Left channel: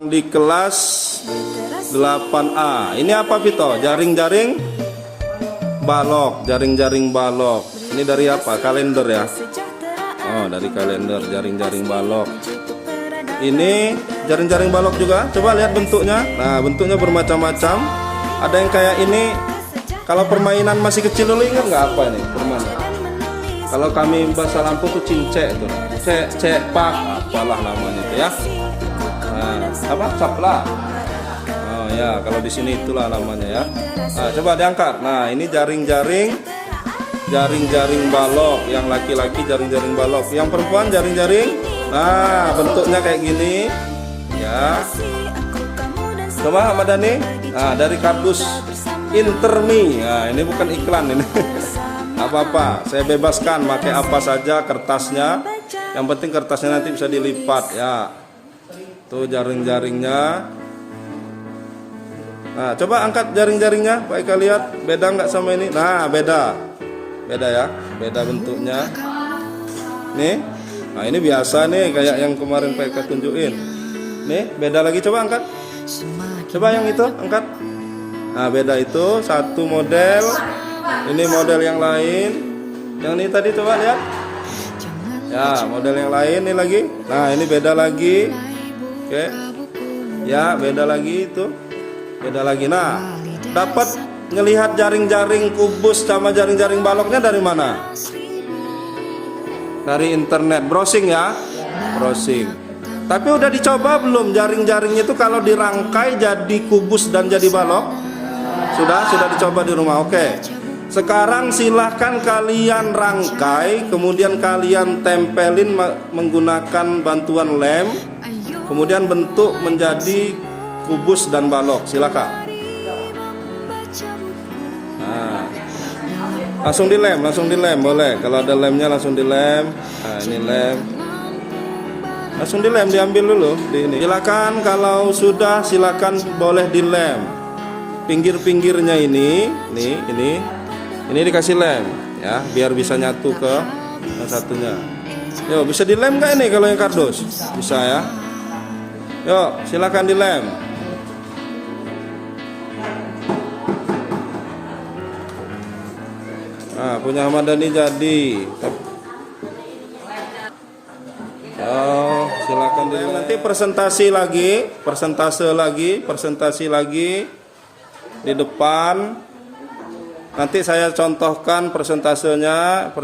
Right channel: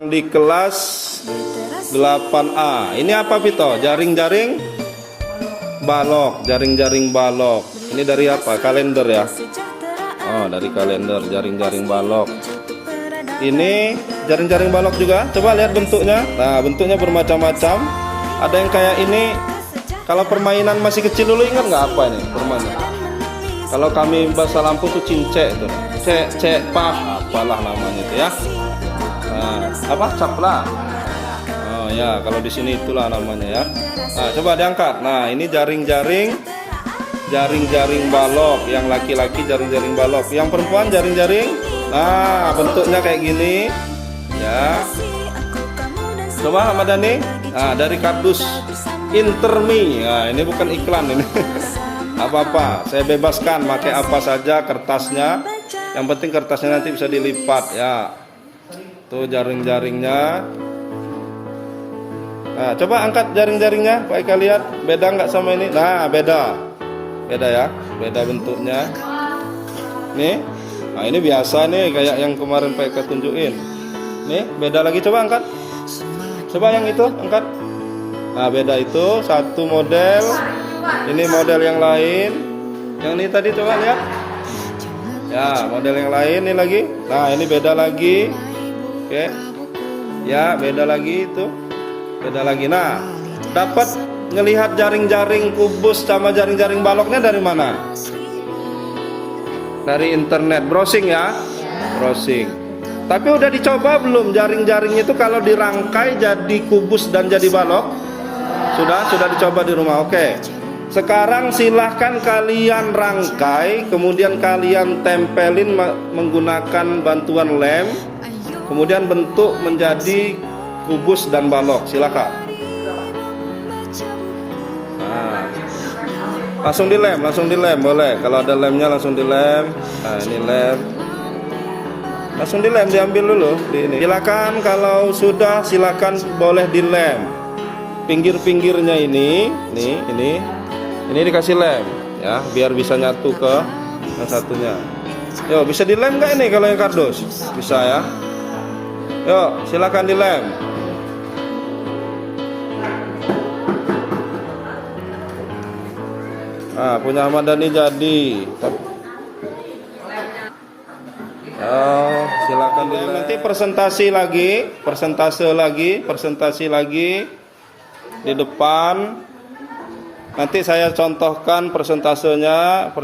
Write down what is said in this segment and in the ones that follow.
Di kelas 8A. Ini apa Vito? Jaring-jaring balok, jaring-jaring balok. Ini dari apa? Kalender ya? Oh, dari kalender, jaring-jaring balok. Ini jaring-jaring balok juga. Coba lihat bentuknya. Nah, bentuknya bermacam-macam. Ada yang kayak ini. Kalau permainan masih kecil dulu, ingat nggak apa ini permainan? Kalau kami bahasa Lampung tuh cincek itu. Cek pak, apalah namanya itu ya. Nah, apa? Sapla. Oh ya, kalau di sini itulah namanya ya. Nah, coba diangkat. Nah, ini jaring-jaring balok. Yang laki-laki jaring-jaring balok. Yang perempuan jaring-jaring. Nah, bentuknya kayak gini. Ya. Coba Ahmad Dhani. Nah, dari kardus Intermi. Nah, ini bukan iklan ini. Apa-apa, saya bebaskan pakai apa saja kertasnya. Yang penting kertasnya nanti bisa dilipat ya. Tuh jaring-jaringnya. Nah, coba angkat jaring-jaringnya, Pak Eka lihat. Beda nggak sama ini? Nah, beda ya, beda bentuknya. Nih, nah ini biasa nih, kayak yang kemarin Pak Eka tunjukin. Nih, beda lagi, coba angkat. Coba yang itu, angkat. Nah, beda itu, satu model. Ini model yang lain. Yang ini tadi coba lihat. Ya, model yang lain ini lagi. Nah, ini beda lagi. Oke. Ya, beda lagi itu. Beda lagi. Nah, dapat ngelihat jaring-jaring kubus sama jaring-jaring baloknya dari mana? Dari internet, browsing ya. Browsing. Tapi udah dicoba belum jaring-jaring itu kalau dirangkai jadi kubus dan jadi balok? Sudah dicoba di rumah. Oke. Sekarang silahkan kalian rangkai, kemudian kalian tempelin menggunakan bantuan lem. Kemudian bentuk menjadi kubus dan balok. Silakan. Nah, langsung dilem boleh. Kalau ada lemnya langsung dilem. Nah, ini lem. Langsung dilem, diambil dulu di ini. Silakan kalau sudah silakan boleh dilem. Pinggir-pinggirnya ini dikasih lem ya, biar bisa nyatu ke yang satunya. Yo, bisa dilem nggak ini kalau yang kardus? Bisa ya. Yuk, silakan dilem. Nah, punya Ahmad Dhani jadi. Oh, silakan dilem. Nanti presentasi lagi di depan. Nanti saya contohkan presentasinya,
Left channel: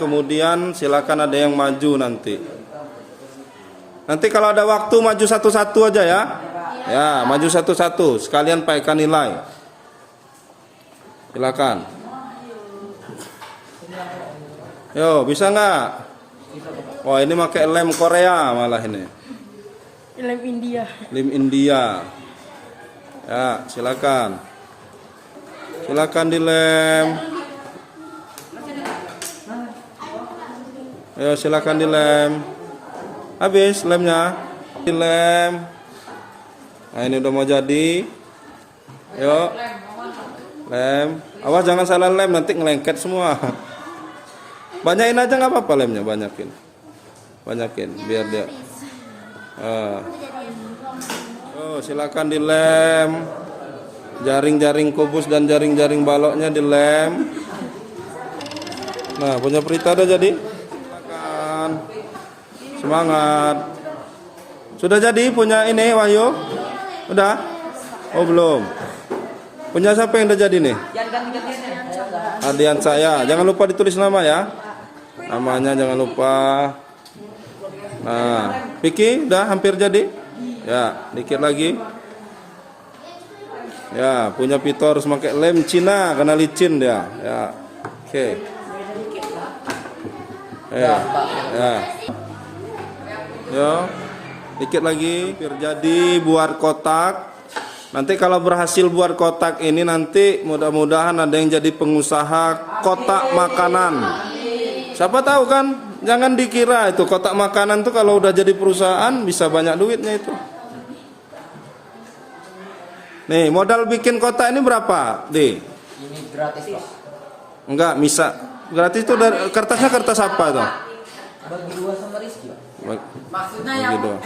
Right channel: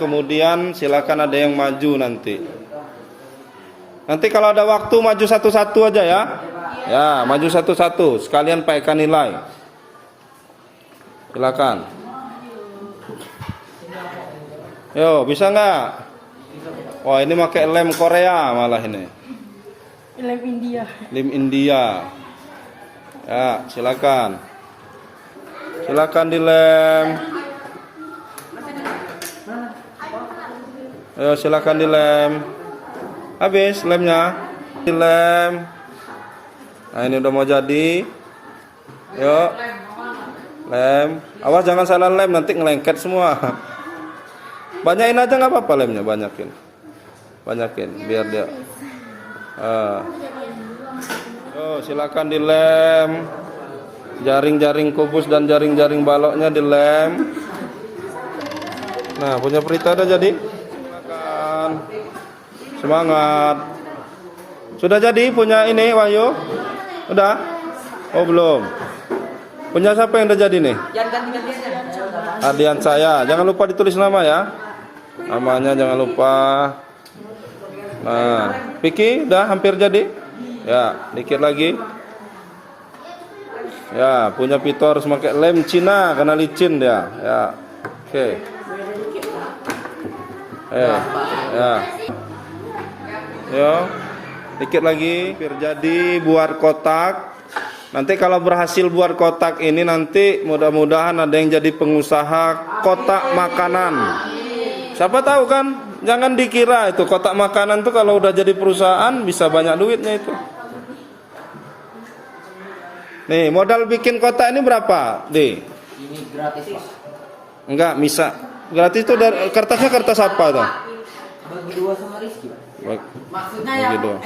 kemudian silakan ada yang maju nanti. Nanti kalau ada waktu maju satu-satu aja ya. Ya, maju satu-satu. Sekalian Pak Eka nilai. Silakan. Yo, bisa nggak? Wah, ini pakai lem Korea malah ini. Lem India. Lem India. Ya, silakan. Silakan dilem. Ayo, silakan dilem. Habis lemnya, dilem. Nah, ini udah mau jadi. Yuk, lem. Awas jangan salah lem, nanti ngelengket semua. Banyakin aja nggak apa-apa lemnya, banyakin, biar dia. Yuk, silakan dilem. Jaring-jaring kubus dan jaring-jaring baloknya dilem. Nah, punya Prita udah jadi. Silakan. Semangat. Sudah jadi punya ini Wahyu? Udah? Oh belum. Punya siapa yang udah jadi nih? Ardian saya. Jangan lupa ditulis nama ya. Namanya jangan lupa. Nah, Vicky udah hampir jadi. Ya, dikit lagi. Ya, punya Vito harus pakai lem Cina karena licin dia. Ya. Oke. Ya. Yo, dikit lagi biar jadi buat kotak. Nanti kalau berhasil buat kotak ini nanti mudah-mudahan ada yang jadi pengusaha kotak makanan. Siapa tahu kan? Jangan dikira itu kotak makanan tuh kalau udah jadi perusahaan bisa banyak duitnya itu. Nih, modal bikin kotak ini berapa, Di? Ini gratis, Pak. Enggak, bisa. Gratis itu dari kertasnya kertas apa tuh? Bagi dua sama Rizky. Baik. Maksudnya Bagi yang dua.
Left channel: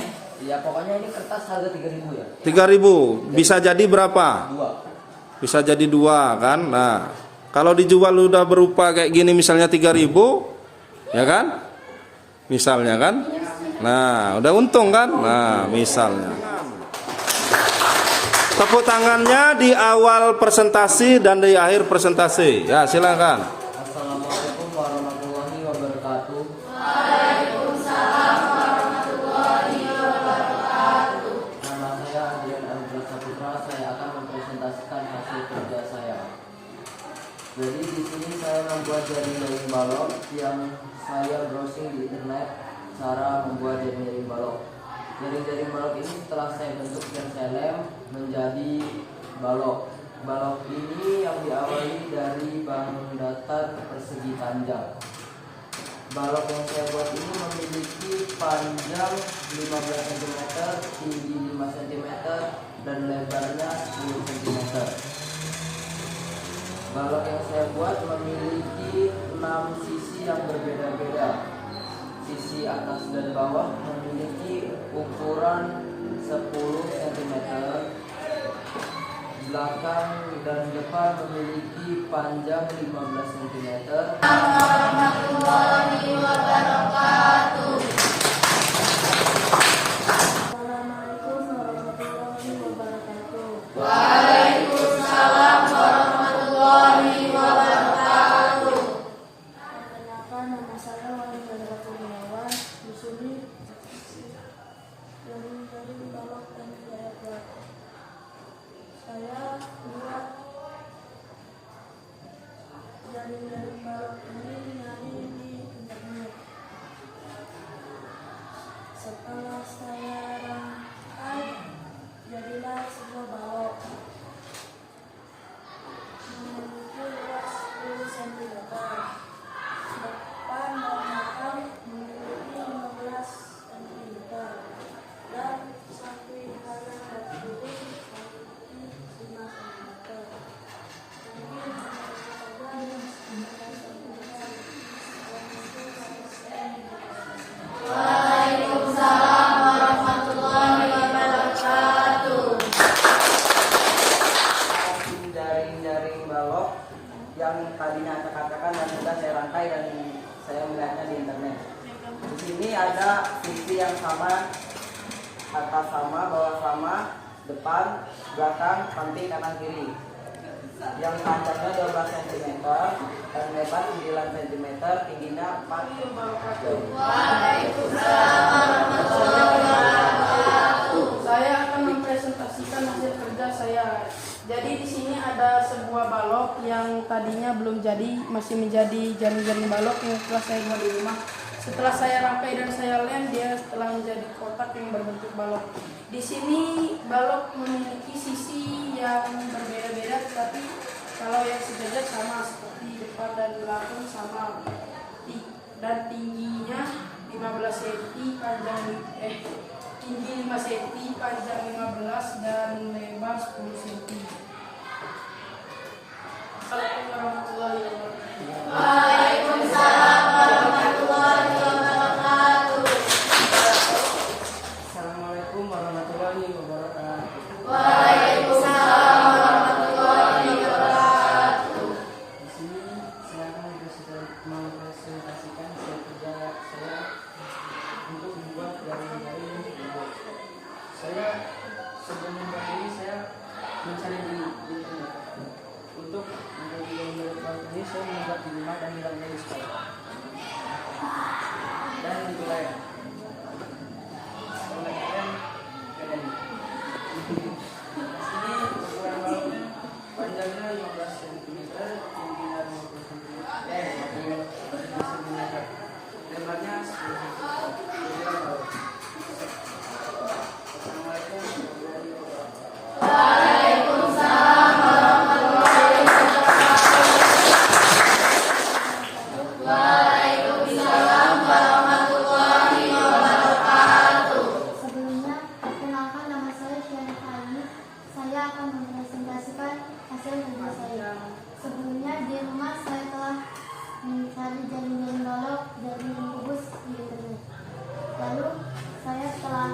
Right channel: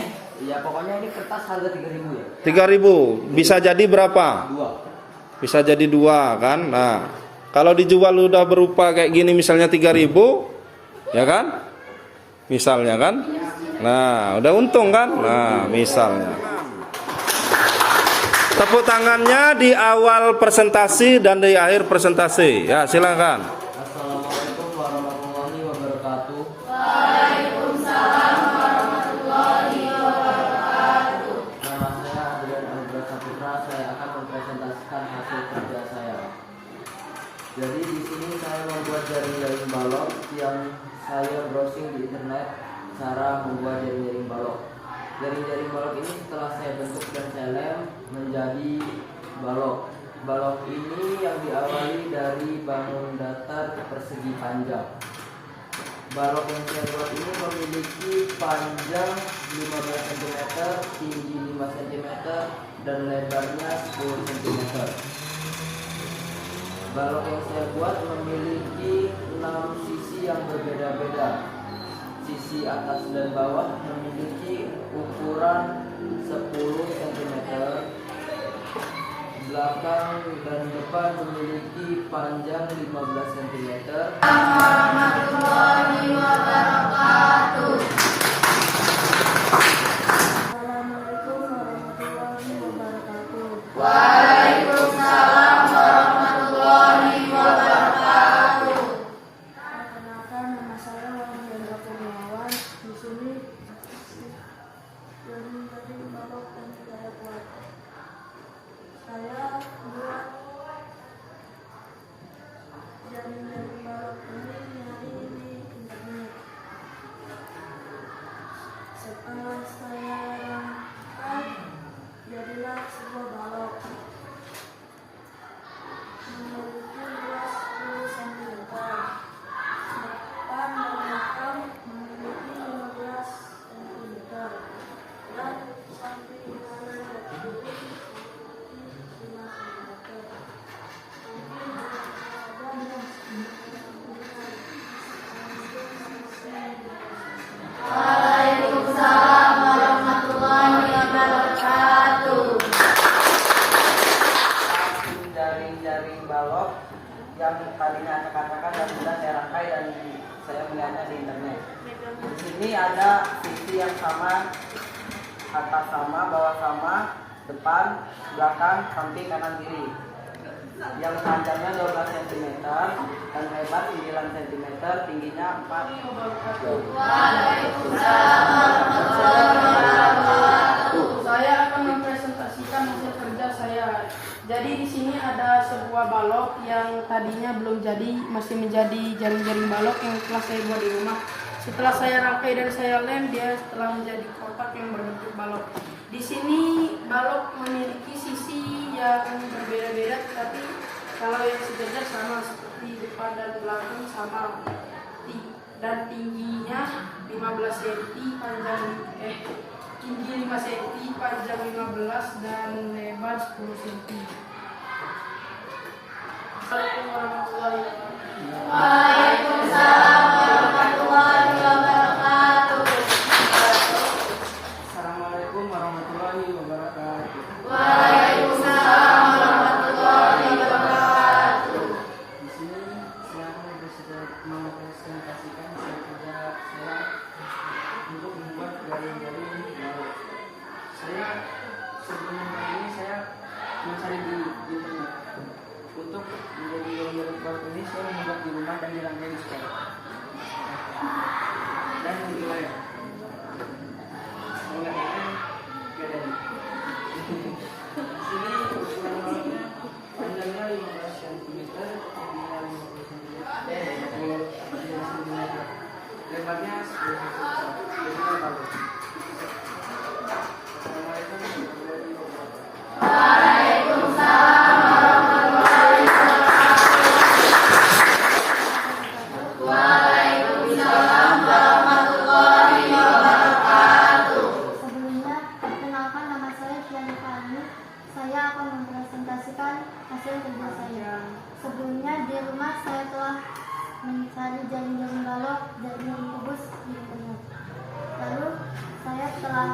Ya pokoknya ini kertas harga 3.000 ya. 3.000. Bisa jadi berapa? 2. Bisa jadi 2 kan. Nah, kalau dijual udah berupa kayak gini misalnya 3.000, ya kan? Misalnya kan. Nah, udah untung kan? Nah, misalnya. Tepuk tangannya di awal presentasi dan di akhir presentasi. Ya, silakan. Assalamualaikum warahmatullahi wabarakatuh. Nama saya Adrian Anugrah Saputra. Saya akan mempresentasikan hasil kerja saya. Jadi di sini saya membuat jaring-jaring balok yang saya browsing di internet cara membuat jaring-jaring balok. Jaring-jaring balok ini setelah saya bentuk dan saya lem menjadi balok. Balok ini yang diawali dari bangun datar persegi panjang. Balok yang saya buat ini memiliki panjang 15 cm, tinggi 5 cm, dan lebarnya 10 cm. Balok yang saya buat memiliki 6 sisi yang berbeda-beda. Sisi atas dan bawah memiliki ukuran 10 cm. Belakang dan depan memiliki panjang 15 cm. Assalamualaikum warahmatullahi wabarakatuh. Perkenalkan, nama saya Wahyu Hendra Kurniawan. Di sini jaring-jaring balok yang saya buat. Saya buat jaring-jaring balok ini nyari di internet. Setelah saya rangkai, jadilah sebuah balok memiliki luas 10 cm. Depan dan belakang memiliki 15 cm dan samping kanan dan kiri memiliki 5 cm. Mungkin saja yang saya sampaikan. Jaring-jaring balok yang tadinya acak-acakan dan sudah saya rangkai dan saya melihatnya di internet. Di sini ada sisi yang sama, atas sama, bawah sama, depan, belakang, samping, kanan, kiri. Yang panjangnya 12 cm dan lebar 9 cm, tingginya 4 cm. Saya akan mempresentasikan hasil kerja saya. Jadi di sini ada sebuah balok yang tadinya belum jadi, masih menjadi jaring-jaring balok yang telah saya buat di rumah. Setelah saya rangkai dan saya lem, dia telah menjadi kotak yang berbentuk balok. Di sini balok memiliki sisi yang berbeda-beda, tetapi kalau yang sejajar sama seperti depan dan belakang sama. Dan tingginya 15 cm, tinggi 5 cm, panjang 15 dan lebar 10 cm. Assalamualaikum warahmatullahi wabarakatuh. Assalamualaikum warahmatullahi wabarakatuh. Di sini saya akan mempresentasikan hasil kerja saya untuk membuat jaring-jaring balok. Saya sebelum membuat ini saya mencari di internet. Untuk menjadi jaring-jaring balok ini saya membuat di rumah dan dirangkai di sekolah dan mulai menggunakan bedanya. Di sini ukuran baloknya panjangnya 15 cm, tingginya 50 cm, lebarnya 10 cm. Inilah balok. Assalamualaikum warahmatullahi wabarakatuh. Sebelumnya, perkenalkan, nama saya Syarifah Aini. Saya akan mempresentasikan hasil kerja saya. Sebelumnya di rumah saya telah mencari jaring-jaring balok dari rebus di internet. Lalu saya telah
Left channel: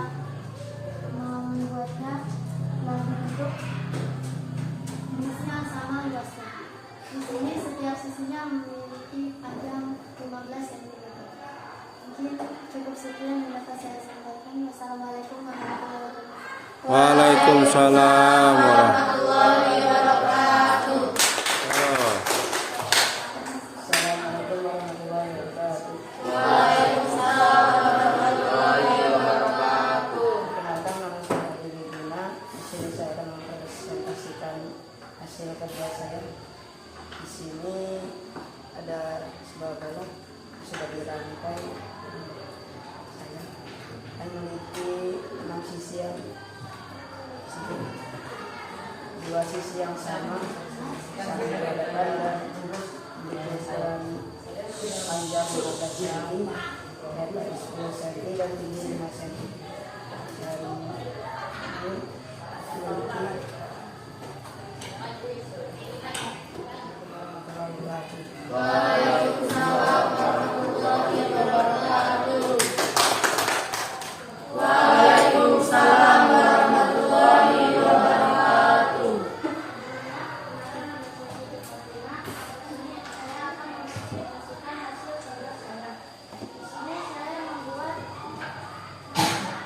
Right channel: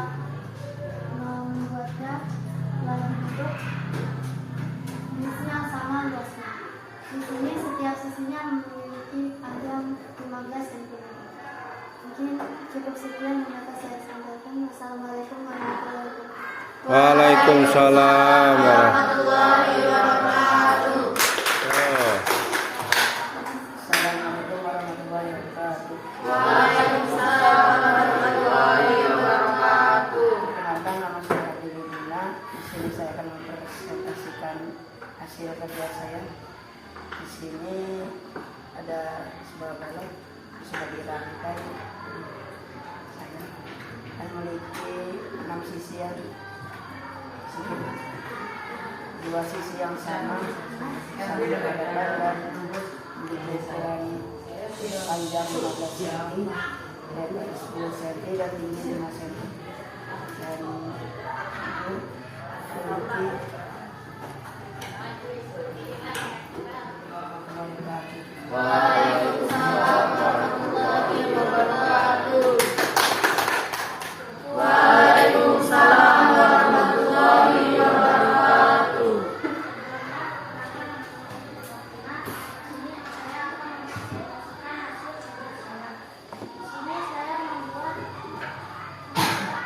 Sekian yang dapat saya sampaikan. Wassalamualaikum warahmatullahi wabarakatuh. Waalaikumsalam warahmatullahi wabarakatuh. Oh. Assalamualaikum warahmatullahi wabarakatuh. Perkenalkan, nama saya Dini Dina. Di sini saya akan mempresentasikan hasil kerja saya. Di sini ada sebuah balok sudah dirangkai. Saya akan memiliki 6 sisian, dua sisi yang sama saling berhadapan dan ukuran panjang 15 cm, lebar 10 cm dan tinggi 5 cm. Dan ini memiliki Waalaikumsalam warahmatullahi wabarakatuh. Waalaikumsalam warahmatullahi wabarakatuh. Ini saya membuat yang saya cari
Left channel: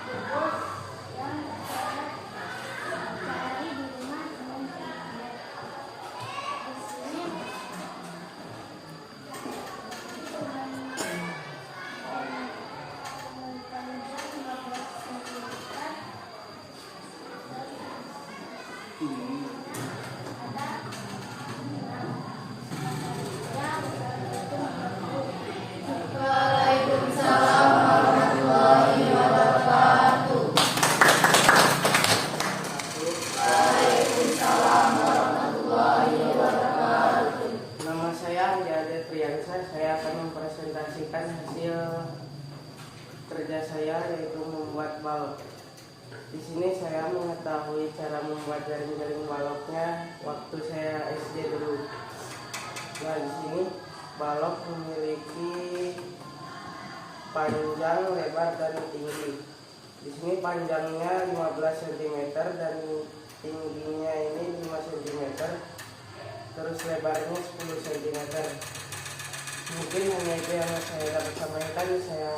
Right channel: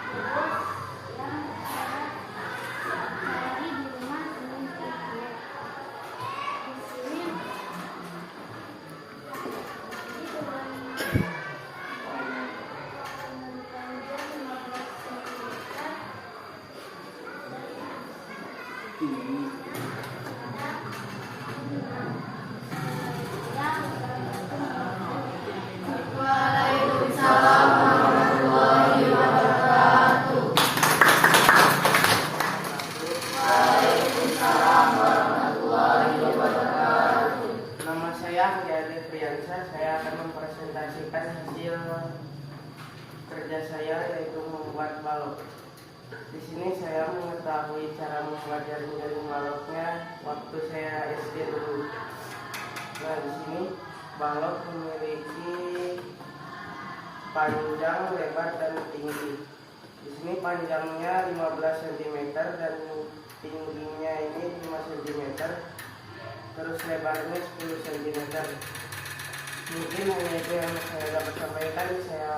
di rumah dengan internet. Di sini panjang 15 cm. Waalaikumsalam warahmatullahi wabarakatuh. Waalaikumsalam warahmatullahi wabarakatuh. Nama saya Anggi Priyansa. Saya akan mempresentasikan hasil kerja saya, yaitu membuat balok. Di sini saya mengetahui cara membuat jaring-jaring baloknya waktu saya SD dulu. Nah, di sini balok memiliki panjang, lebar, dan tinggi. Di sini panjangnya 15 cm dan tingginya ini 5 cm. Terus lebarnya 10 cm. Mungkin hanya itu yang saya dapat sampaikan. Saya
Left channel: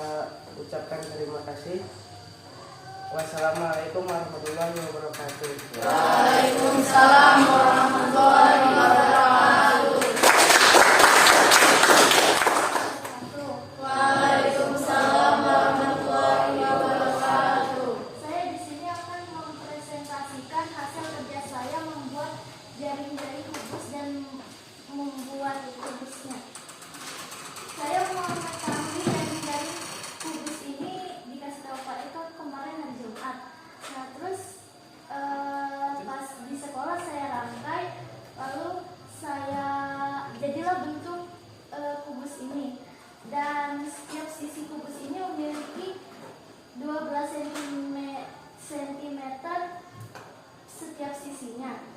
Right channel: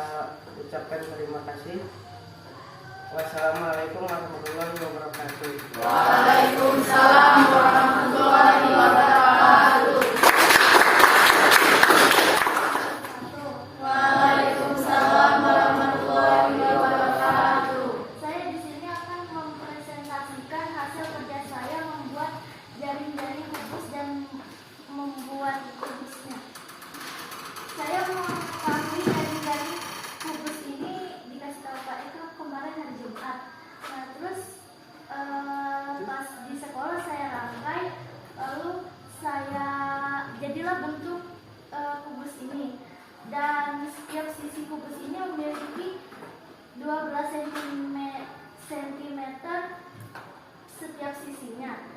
ucapkan terima kasih. Wassalamualaikum warahmatullahi wabarakatuh. Waalaikumsalam warahmatullahi wabarakatuh. Waalaikumsalam warahmatullahi wabarakatuh. Saya di sini akan mempresentasikan hasil kerja saya membuat jaring-jaring kubus dan membuat kubusnya. Saya mengetahui jaring-jaring kubus ini dikasih tahu Pak Eka kemarin hari Jumat. Nah terus pas di sekolah saya rangkai, lalu saya jadilah bentuk kubus ini. Dan setiap sisi kubus ini memiliki 12 cm setiap sisinya.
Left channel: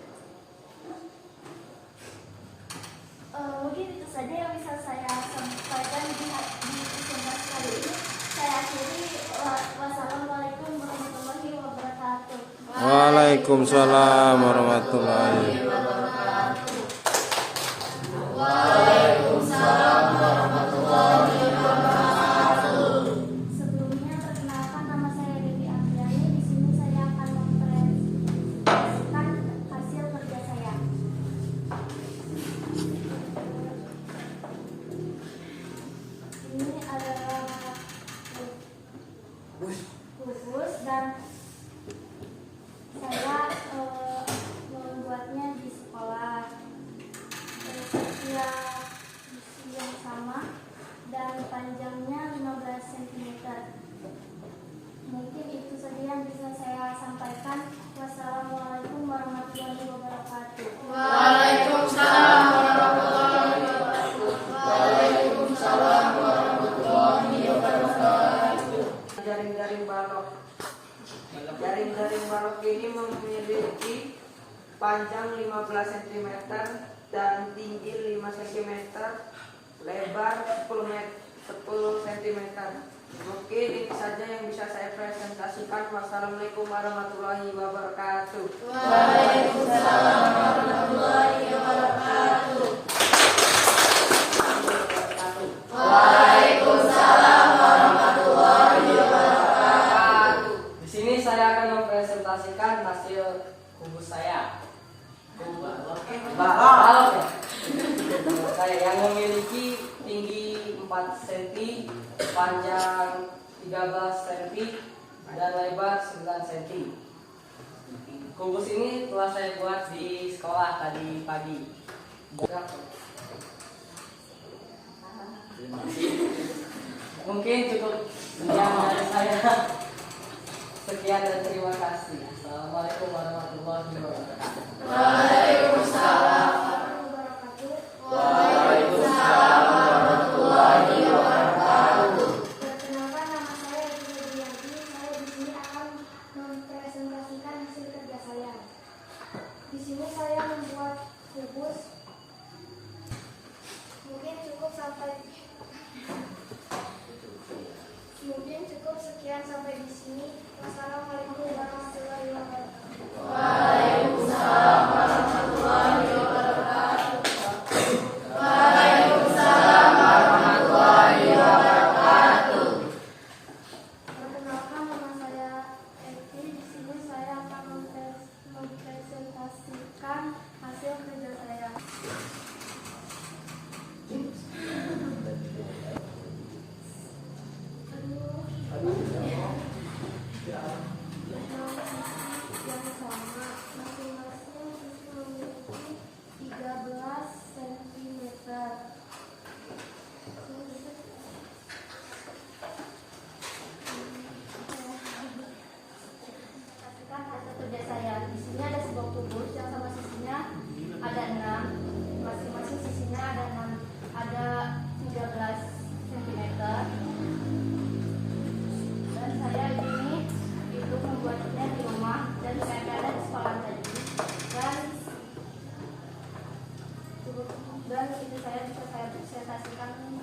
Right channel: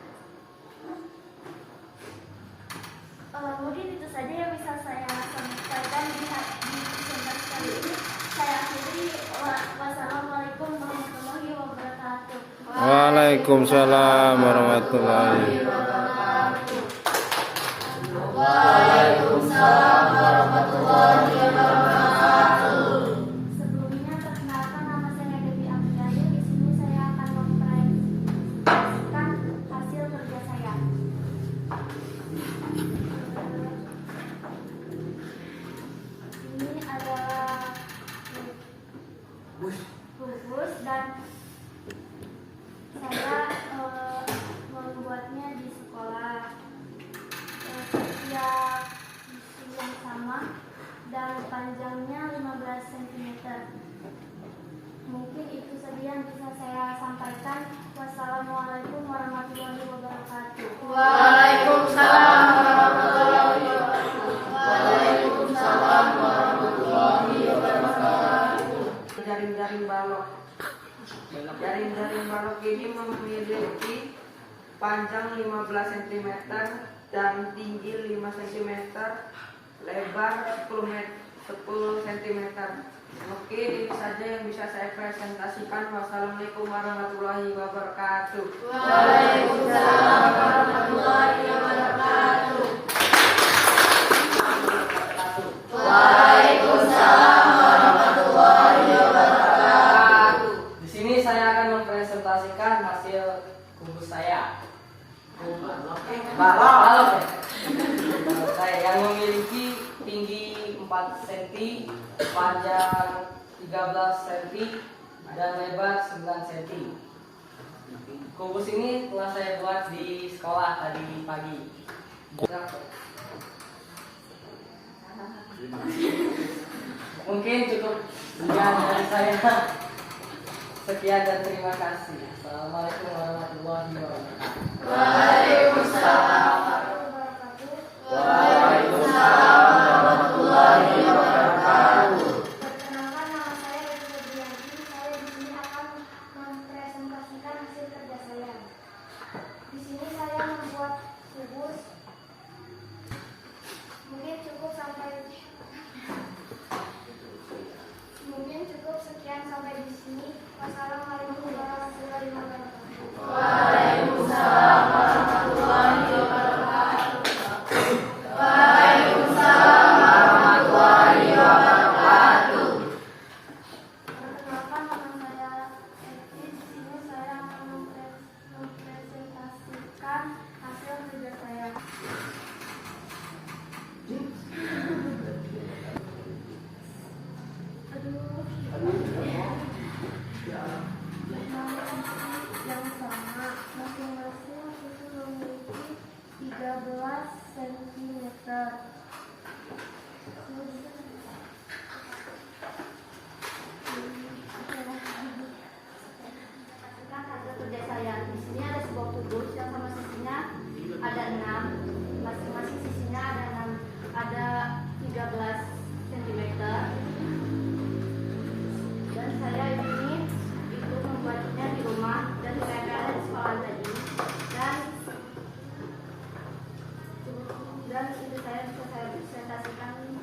Mungkin itu saja yang bisa saya sampaikan di presentasi kali ini. Saya akhiri. Wassalamualaikum warahmatullahi wabarakatuh. Waalaikumsalam warahmatullahi wabarakatuh. Waalaikumsalam warahmatullahi wabarakatuh. Sebelumnya perkenalkan, nama saya Dewi Afiani. Di sini saya akan mempresentasikan hasil kerja saya. Ini adalah kubus dan saya membuatnya di sekolah. Setiap sisi yang sama dan panjangnya 15 cm. Mungkin itu saja yang bisa saya sampaikan. Wassalamualaikum warahmatullahi wabarakatuh. Waalaikumsalam warahmatullahi wabarakatuh. Waalaikumsalam warahmatullahi wabarakatuh. Jaring-jaring balok. Jaring-jaring balok ini memiliki panjang 15 cm dan tinggi 5 cm, lebar 10 cm. Mungkin ini saja yang bisa saya presentasikan. Wassalamualaikum warahmatullahi wabarakatuh. Waalaikumsalam warahmatullahi wabarakatuh. Waalaikumsalam warahmatullahi wabarakatuh. mempresentasikan hasil kubus saya. Balok ya. Saya yang memiliki tinggi 4 cm, panjang 13 cm, dan lebar 9 cm. Kubus ini telah saya buat di sekolah tadi pagi. Mungkin cukup sekian dari saya. Sekian dan terima kasih. Assalamualaikum warahmatullahi wabarakatuh. Waalaikumsalam. Waalaikumsalam warahmatullahi wabarakatuh. Perkenalkan, nama saya Febrianti. Saya di sini akan mempresentasikan hasil kerja saya. Di sini saya membuat kubus. Mungkin cukup sekian sampai di sini. Wassalamualaikum warahmatullahi wabarakatuh. Waalaikumsalam warahmatullahi wabarakatuh. Waalaikumsalam warahmatullahi wabarakatuh. Perkenalkan, nama saya Eti. Di sini saya akan mempresentasikan hasil kerja saya. Yang sama, masing-masing sisi memiliki 13 cm. Hasil kerja saya. Di sini ada sebuah kubus yang sama sisinya ada 6, masing-masing sisinya ada 13 cm. Dan saya ini itu membuatnya di rumah dan saya ada di sekolah tadi. Dan itu saya bisa saya presentasikan.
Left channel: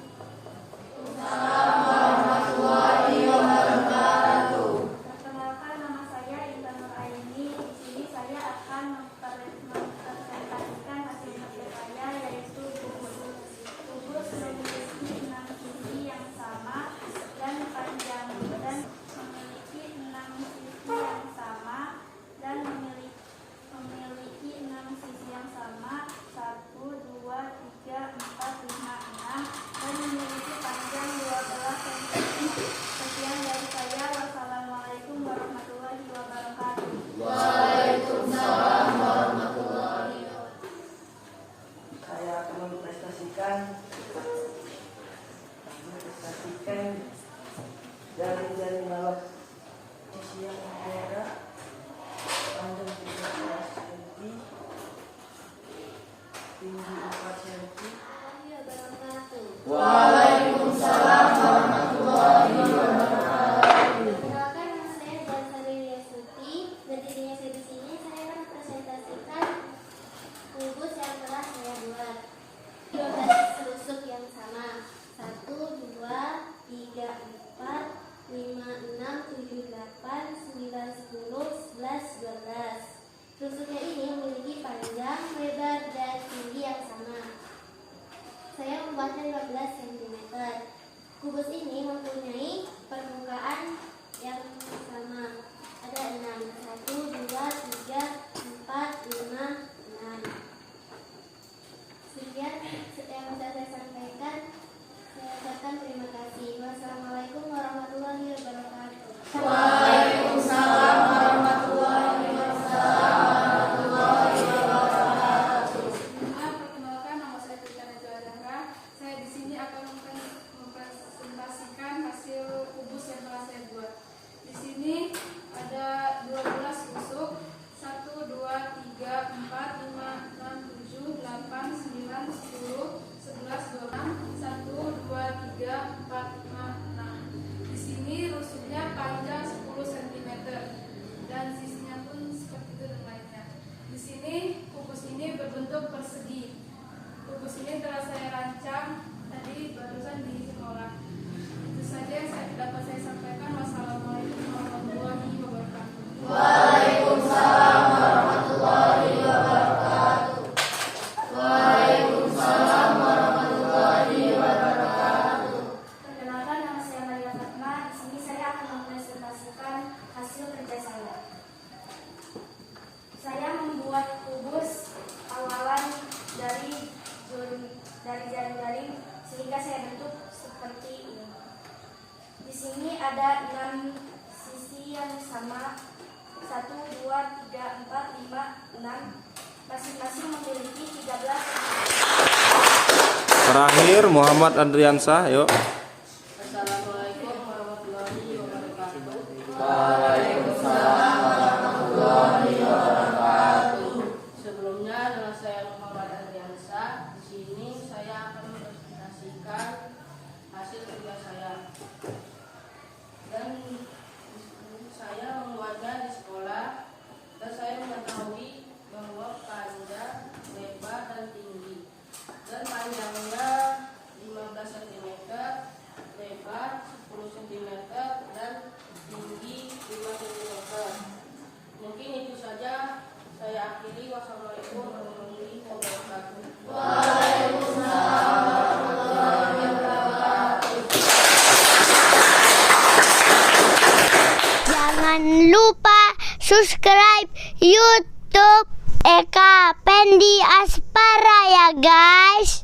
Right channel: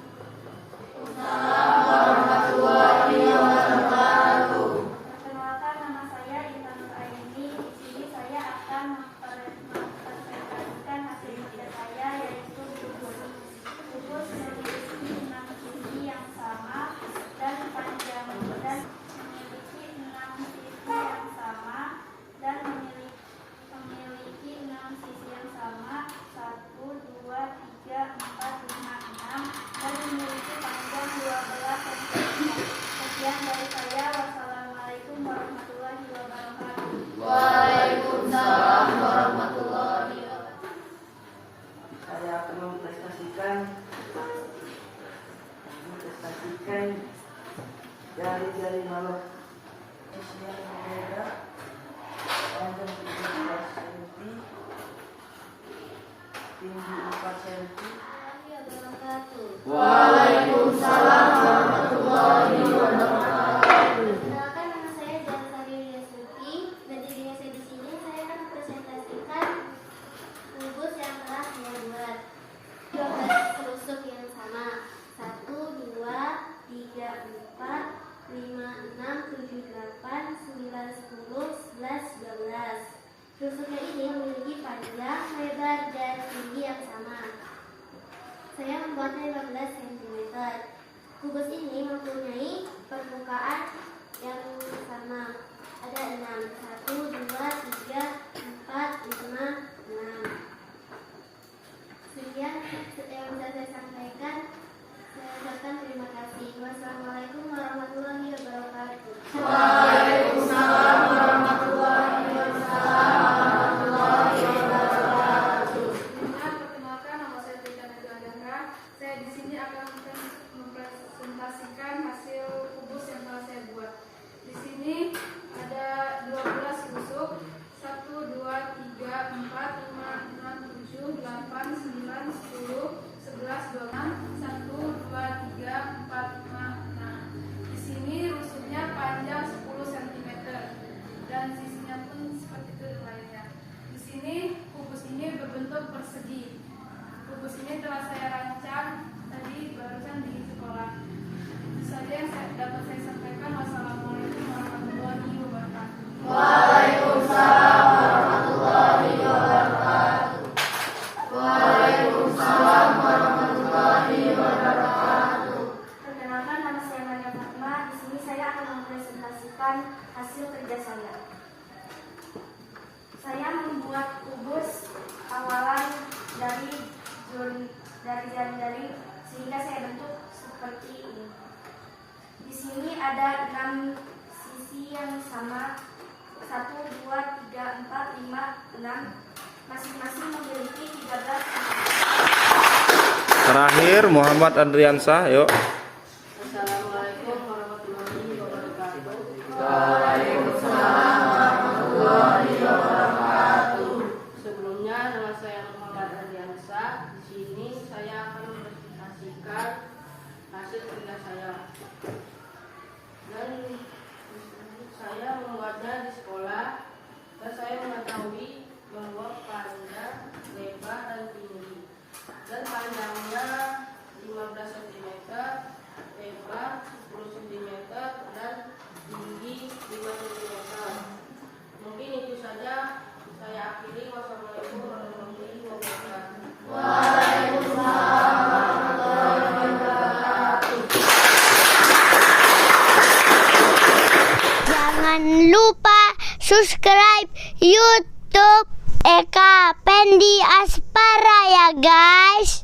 Assalamualaikum warahmatullahi wabarakatuh. Perkenalkan, nama saya Intan Nuraini. Di sini saya akan mempresentasikan hasil kerja saya, yaitu kubus. Kubus memiliki 6 sisi yang sama dan panjang dan memiliki 6 sisi yang sama dan memiliki 6 sisi yang sama 1, 2, 3, 4, 5, 6 dan memiliki panjang 12 cm. Sekian dari saya. Wassalamualaikum warahmatullahi wabarakatuh. Waalaikumsalam warahmatullahi wabarakatuh. Saya akan mempresentasikan jari-jari balok usia yang muda, panjang 13 cm, tinggi 4 cm. Waalaikumsalam warahmatullahi wabarakatuh. Perkenalkan, nama saya Jalsaria Suti. Berdirinya saya di sini, saya akan presentasikan kubus yang telah saya buat. 12 tusuk yang sama. 1, 2, 3, 4, 5, 6, 7, 8, 9, 10, 11, 12. Tusuknya ini memiliki panjang, lebar, dan tinggi yang sama. Saya membuatnya 15 cm. Kubus ini mempunyai permukaan yang sama. Ada 6. 1, 2, 3, 4, 5, 6. Sekian yang bisa saya sampaikan. Saya ucapkan terima kasih. Wassalamualaikum warahmatullahi wabarakatuh. Waalaikumsalam warahmatullahi wabarakatuh. Perkenalkan, nama saya Tika Najwa Dahra. Saya di sini akan mempresentasikan hasil masing-masing memiliki 13 Terakhir Muhammad Andriansah, yuk. Assalamualaikum warahmatullahi wabarakatuh. Sebelumnya nama saya Muhammad Andriansah. Di sini saya akan mempresentasikan hasil kerja saya. Dan saya membuatnya di sekolah dan saya mengetahui bahwa panjang, lebar dan tinggi. Dan panjangnya 15 cm, lebar 10 cm dan tinggi 5 cm. Mungkin itu saja. Saya akhiri. Wassalamualaikum warahmatullahi wabarakatuh. Jangan lupa subscribe YouTube Eka Pendi Aspara ya guys.